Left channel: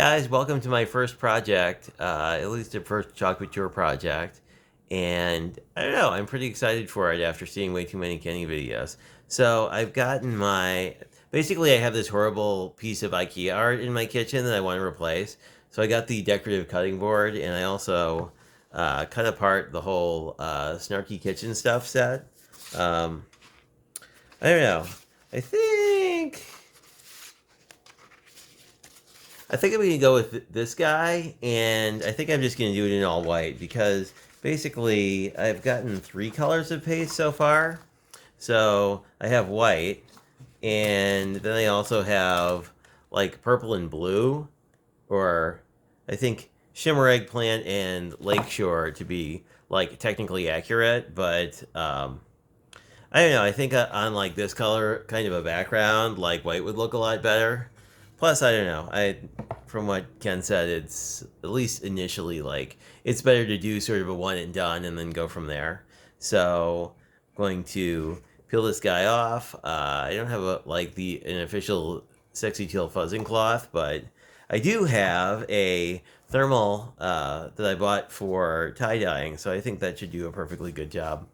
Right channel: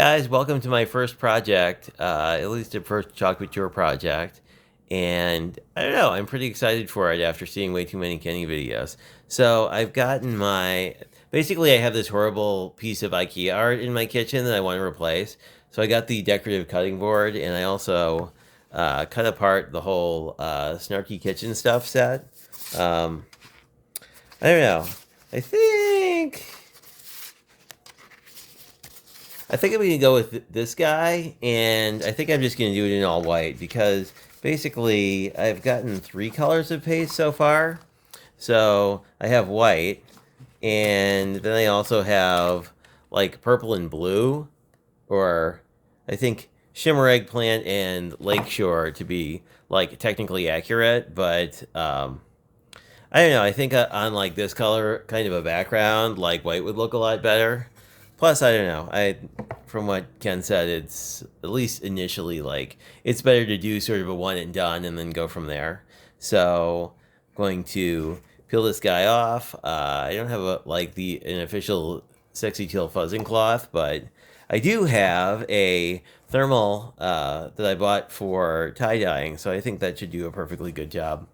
guys, welcome to my first project, at least a first chalk couture project. And I don't know, I'm pretty excited for it after seeing way too many Kenny videos. So I've gotten basically I have this horrible piece of IKEA art in my kitchen that I want to replace. So I got the decorative cutting board and I also cut apart the whole snarky kitchen stuff set. Um, I don't know. I think I think I'm going to go with this guy, and I think I'm just going to do it in all white because basically I've gotten 3 colors of paste so far. So I have white, and then I also have like purple and blue, or I think shimmer eggplant and lakeshore to be like technically accurate, but I don't know. I think on like this color kind of a background, like white would look a lot better. Plus, I don't know. From what Ken said, it's at least initially like it's better to do sort of a one and done and then go from there. So, going to peel this guy off. I don't have an official sexy teal fuzzing cloth, but I do have a thermal that I bought for tie dyeing. So I think that should do a perfectly good job.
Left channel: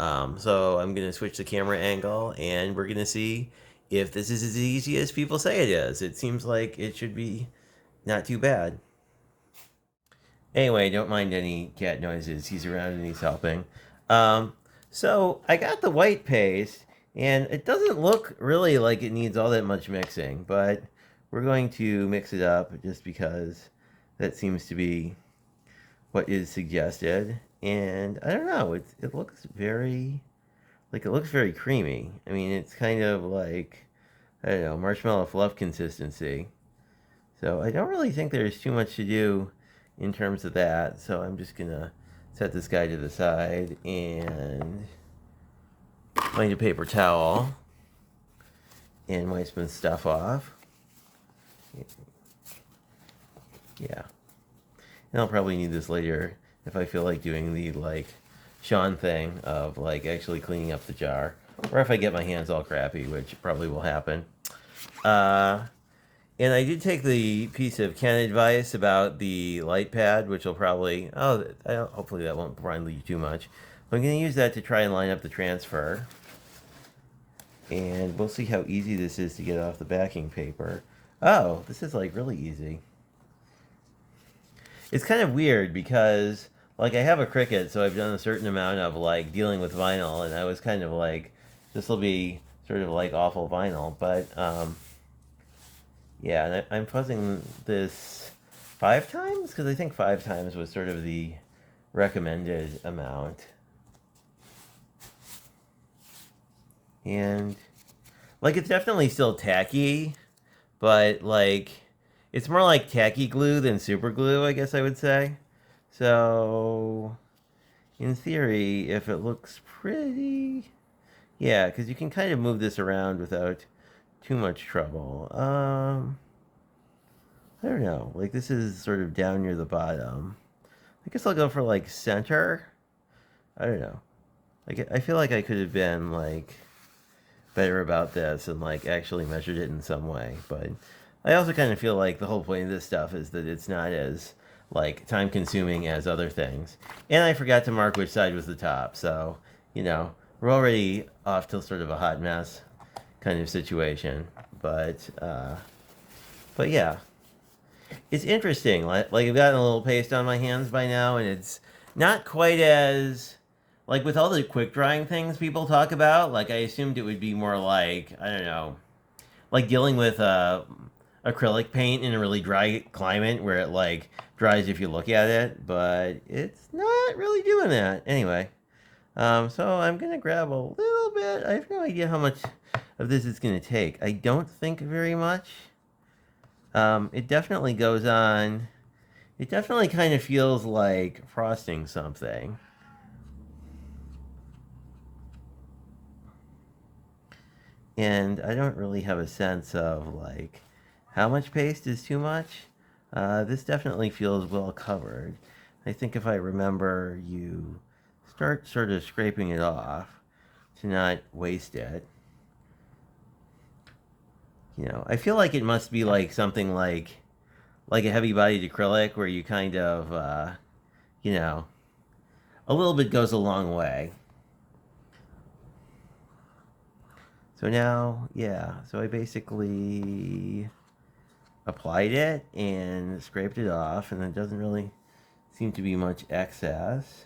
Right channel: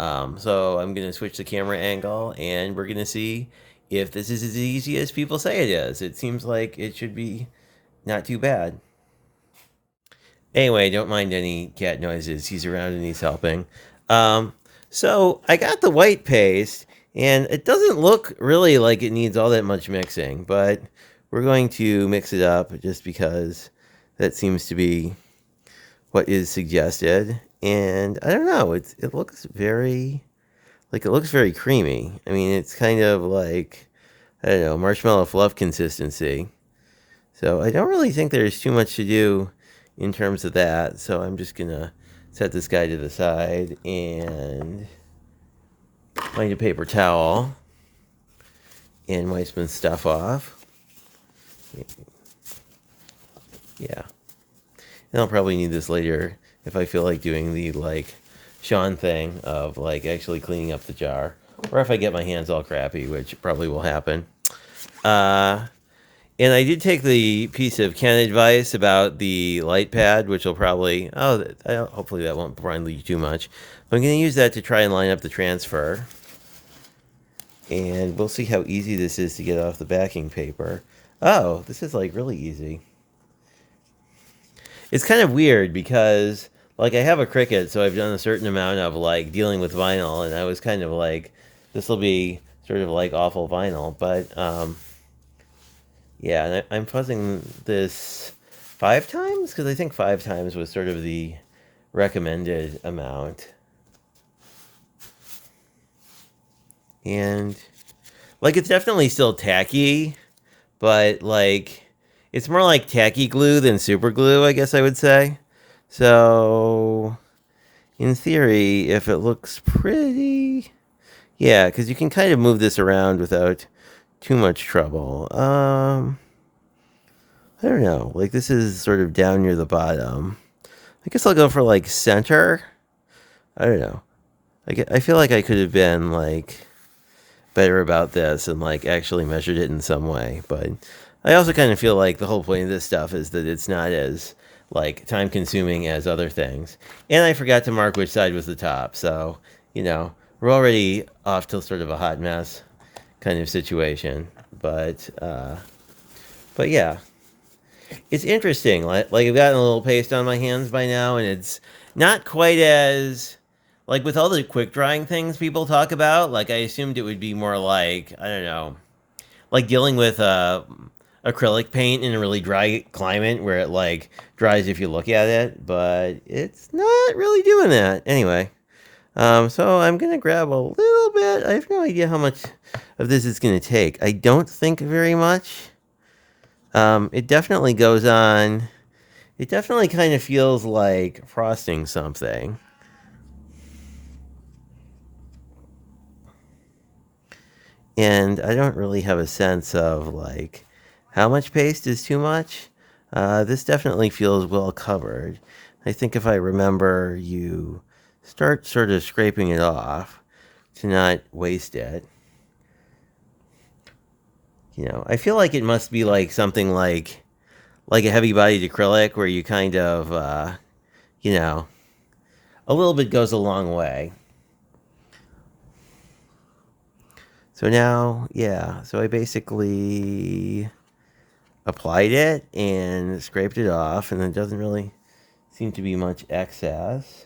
So I'm going to switch the camera angle and we're going to see if this is as easy as people say it is. It seems like it should be not too bad. Anyway, don't mind any cat noises. He's around and he's helping. Um, so I got the white paste and it doesn't look really like it needs all that much mixing, but we're going to mix it up just because that seems to be what is suggested. And I don't know, it looks very creamy. I mean, it's kind of like, I don't know, marshmallow fluff consistency. So I don't really think there's too much to do in terms of that. So I'm just gonna set this guy to the side and find a paper towel and wipe some stuff off. Yeah. And I'll probably need this later if I feel like doing the Sean thing of actually cleaning up the jar, or if I get my hands all crappy, which probably will happen. And I did take the piece of Ken advice about the light pad, which will probably, hopefully that won't blind you too much. But I'm going to use that to try and line up the transfer. And we'll see how easy this is to get off the backing paper. Oh, this is really easy. It's kind of weird because I have a Cricut, so I've done a certain amount of dealing with vinyl, and I was kind of this will be sort of awful vinyl, but yeah, and I'm fuzzing this 5 times because I think 5 times was sort of the recommended amount. And it's definitely still tacky, but it's more like tacky glue than super glue, I guess I would say. So, in theory, if it looks pretty, yeah, because you can kind of move this around without too much trouble. I don't know. This is sort of down near the bottom. I guess I'll go for center. I don't know. I feel like I could have been better about this and actually measured it in some way, but I also kind of feel like the whole point of this stuff is that it's not as time consuming as other things. And I forgot to mark which side was the top, so we're already off to sort of a hot mess kind of situation. But yeah, it's interesting. I've gotten a little paste on my hands by now, and it's not quite as with all the quick drying things people talk about. I assumed it would be more I don't know, dealing with acrylic paint in a really dry climate where it dries if you look at it, but it's not really doing that. Anyway, so I'm gonna grab a little bit. I have no idea how much of this it's gonna take. I don't think very much. It definitely goes on. It definitely kind of feels like frosting something. And I don't really have a sense of how much paste is too much. This definitely feels well covered. I think if I remember, you start sort of scraping it off to not waste it. I feel like it must be something like a heavy-bodied acrylic where you kind of, you know, a little bit goes a long way. So now, yeah, so I basically applied it and scraped it off, and it doesn't really seem to be much excess.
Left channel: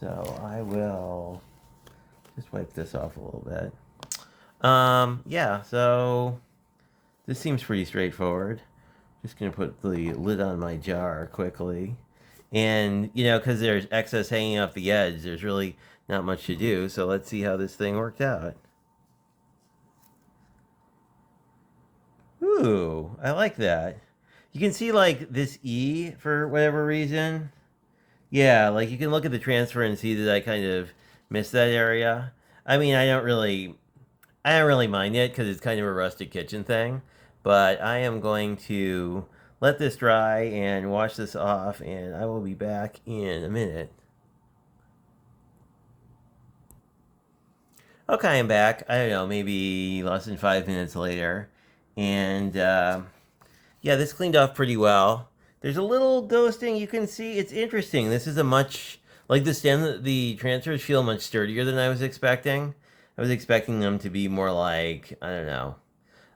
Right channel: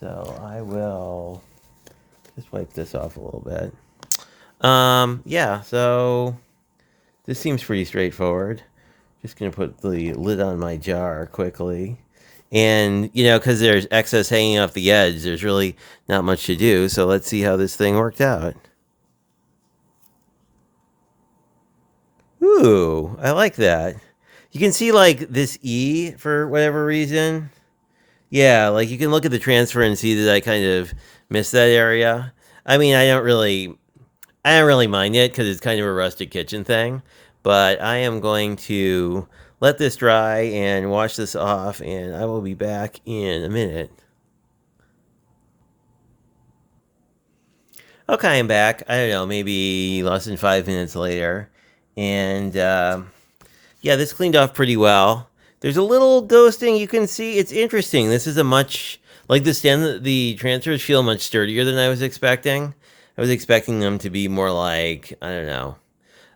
So I will just wipe this off a little bit. Yeah, so this seems pretty straightforward. Just gonna put the lid on my jar quickly. And, you know, because there's excess hanging off the edge, there's really not much to do. So let's see how this thing worked out. Ooh, I like that. You can see like this E for whatever reason. Yeah, like you can look at the transfer and see that I kind of missed that area. I mean, I don't really mind it because it's kind of a rustic kitchen thing. But I am going to let this dry and wash this off, and I will be back in a minute. Okay, I'm back. I don't know, maybe less than 5 minutes later. And yeah, this cleaned off pretty well. There's a little ghosting you can see. It's interesting. This is a much like the transfers feel much sturdier than I was expecting. I was expecting them to be more like, I don't know,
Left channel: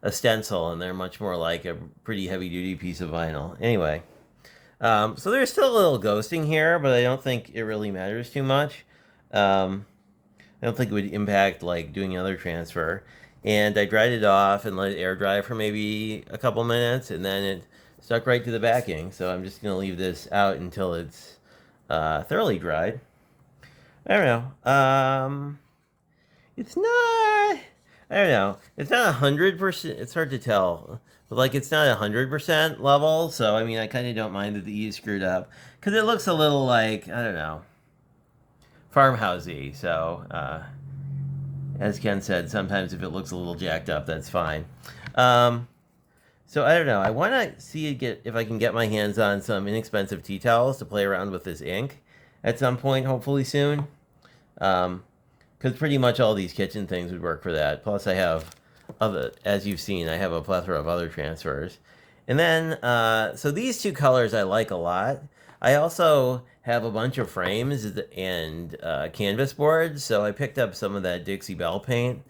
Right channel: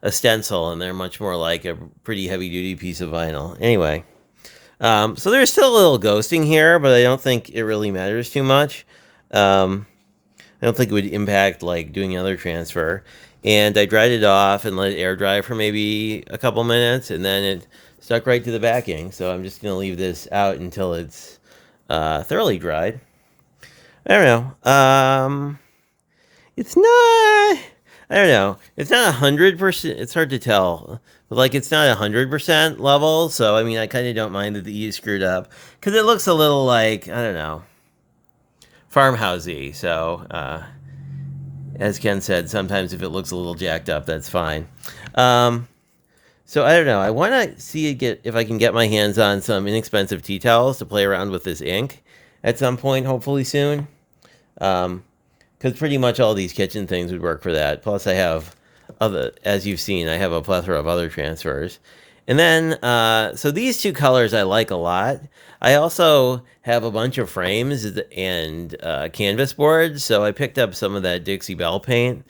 a stencil, and they're much more like a pretty heavy duty piece of vinyl. Anyway, so there's still a little ghosting here, but I don't think it really matters too much. Um, I don't think it would impact like doing another transfer. And I dried it off and let it air dry for maybe a couple minutes, and then it stuck right to the backing. So I'm just gonna leave this out until it's thoroughly dried. I don't know. It's not. I don't know. It's not 100%. It's hard to tell. But like, it's not 100% level. So I mean, I kind of don't mind that the E is screwed up because it looks a little like, I don't know, farmhousey. So as Ken said, sometimes if it looks a little jacked up, that's fine. Um, so I don't know. I want to see get if I can get my hands on some inexpensive tea towels to play around with this ink at some point, hopefully soon. Because pretty much all these kitchen things would work for that. Plus, I have other, as you've seen, I have a plethora of other transfers. And then, so these two colors I like a lot. I also have a bunch of frames and canvas boards, so I picked up some of that Dixie Belle paint.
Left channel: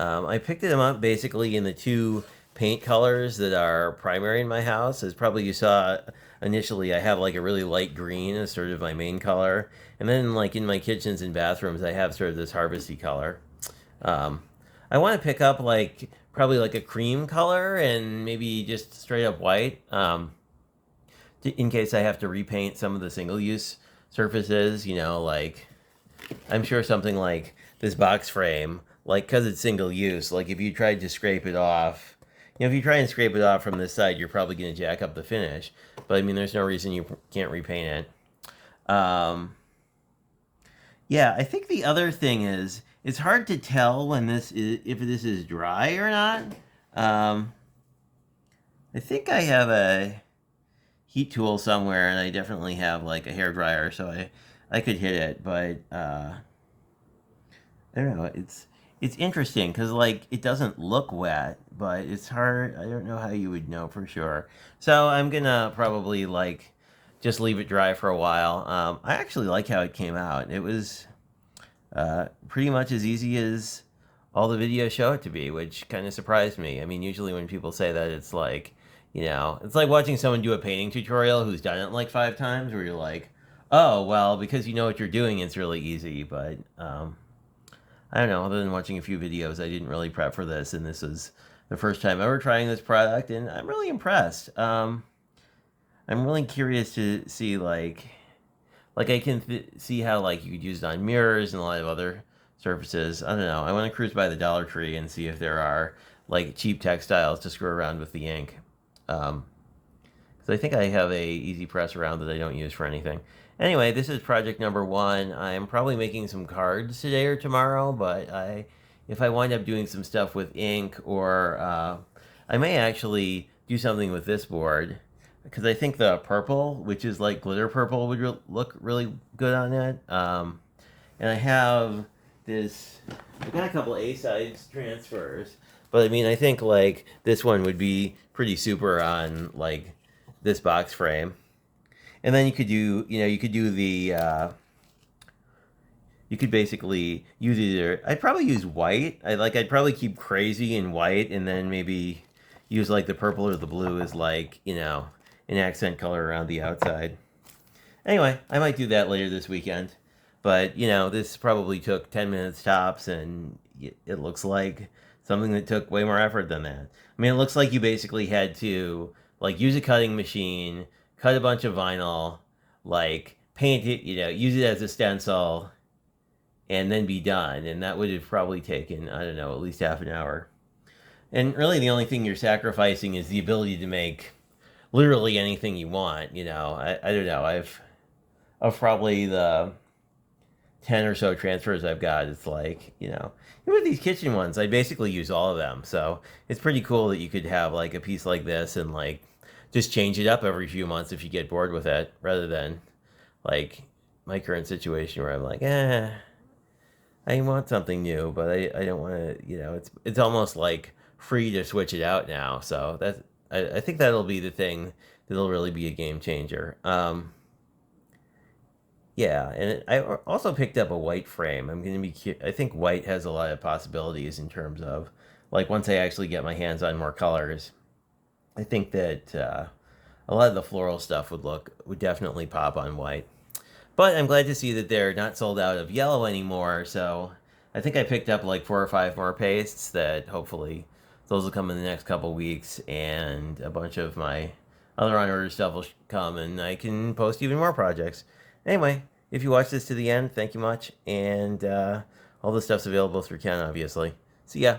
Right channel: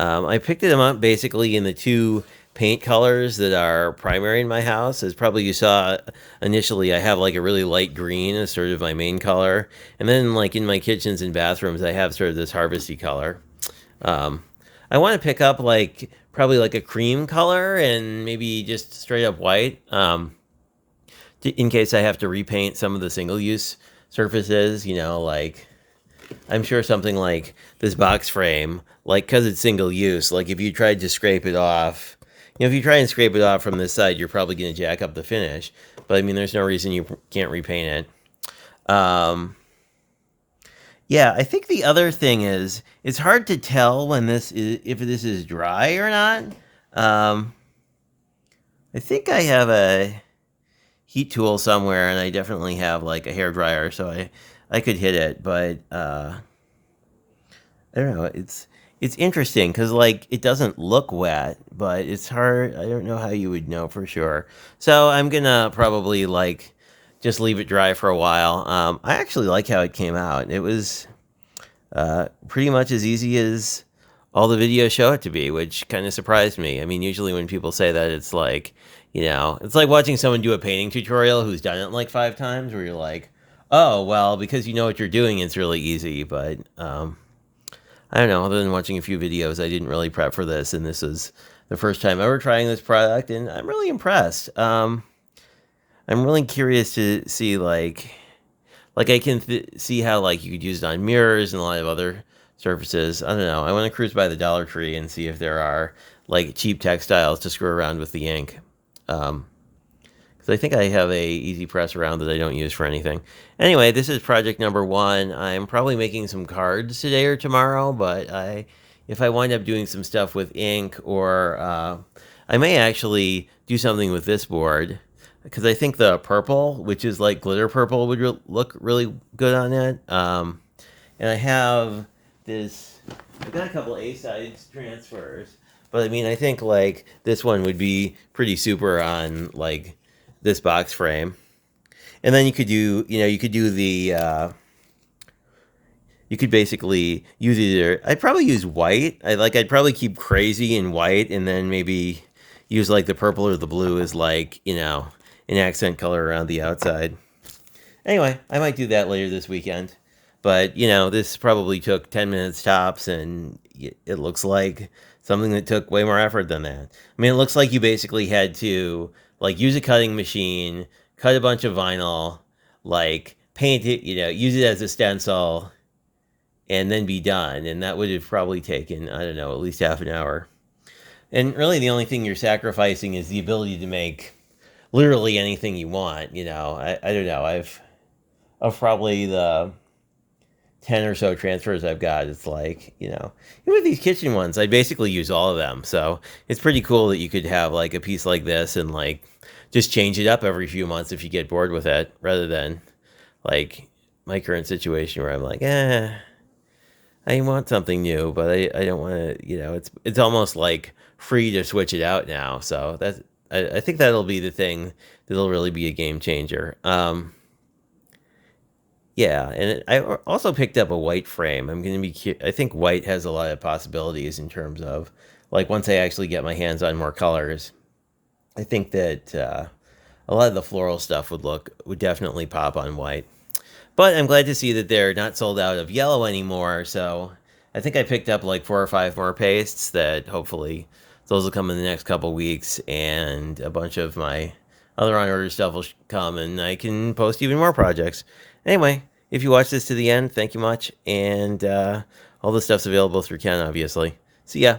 I picked them up basically in the two paint colors that are primary in my house. As probably you saw initially, I have like a really light green as sort of my main color. And then like in my kitchens and bathrooms, I have sort of this harvesty color. Um, I want to pick up like probably like a cream color and maybe just straight up white. In case I have to repaint some of the single use surfaces, you know, like I'm sure something like this box frame, like because it's single use, like if you tried to scrape it off, you know, if you try and scrape it off from this side, you're probably going to jack up the finish. But I mean, there's no reason you can't repaint it. Yeah, I think the other thing is it's hard to tell when this is if this is dry or not. Um, I think I have a heat tool somewhere, and I definitely have like a hair dryer, so I could hit it, but I don't know. It's interesting because like it doesn't look wet, but it's hard. I don't know how you would know for sure. So I'm gonna probably like just leave it dry for a while. I actually like how it came out. It was pretty much as easy as all the videos show it to be, which kind of surprised me. I mean, usually when people say that, it's like, you know, it's like watching someone do a painting tutorial who's done it like 5 times, where you're like, oh, well, because you know what you're doing, it's really easy. But I don't know, other than watching a few videos, I didn't really prep for this, and this is the first time ever trying this product, and I'm really impressed. I'm really curious to see like I can see how like you could use it on mirrors and a lot of other surfaces. I don't know. I want to cruise by the Dollar Tree and see if there are like cheap textiles to screw around with the ink. Um, because I think I have a easy press around that I don't use for anything. Anyway, this is project number 1. I'm probably making some cards today or tomorrow, but if I wind up doing some stuff with ink, or I may actually do something with this board, because I think the purple, which is like glitter purple, would look really good on it. And I have this. I've got a couple A-sides transfers, but I mean, I think like this one would be pretty super on like this box frame. And then you could do, you could do the, you could basically use either. I'd probably use white. I'd probably keep crazy in white, and then maybe use like the purple or the blue as like an accent color around the outside. Anyway, I might do that later this weekend. But this probably took 10 minutes tops, and it looks like something that took way more effort than that. I mean, it looks like you basically had to like use a cutting machine, cut a bunch of vinyl, like paint it, use it as a stencil, and then be done. And that would have probably taken, I don't know, at least half an hour. And really, the only thing you're sacrificing is the ability to make literally anything you want. I don't know. Of probably the 10 or so transfers I've got, it's like, even with these kitchen ones, I basically use all of them. So it's pretty cool that you could have like a piece like this and like just change it up every few months if you get bored with it, rather than like my current situation where I'm like, I want something new, but I don't want to, it's almost like free to switch it out now. So I think that'll be the thing that'll really be a game changer. Yeah, and I also picked up a white frame. I think white has a lot of possibilities in terms of like once I actually get my hands on more colors. I think that a lot of the floral stuff would definitely pop on white. But I'm glad to see that they're not sold out of yellow anymore. So I think I picked up like 4 or 5 more pastes that hopefully those will come in the next couple weeks, and a bunch of my other on order stuff will come, and I can post even more projects. Anyway, if you watch this to the end, thank you much. And all this stuff's available through Ken, obviously. See ya.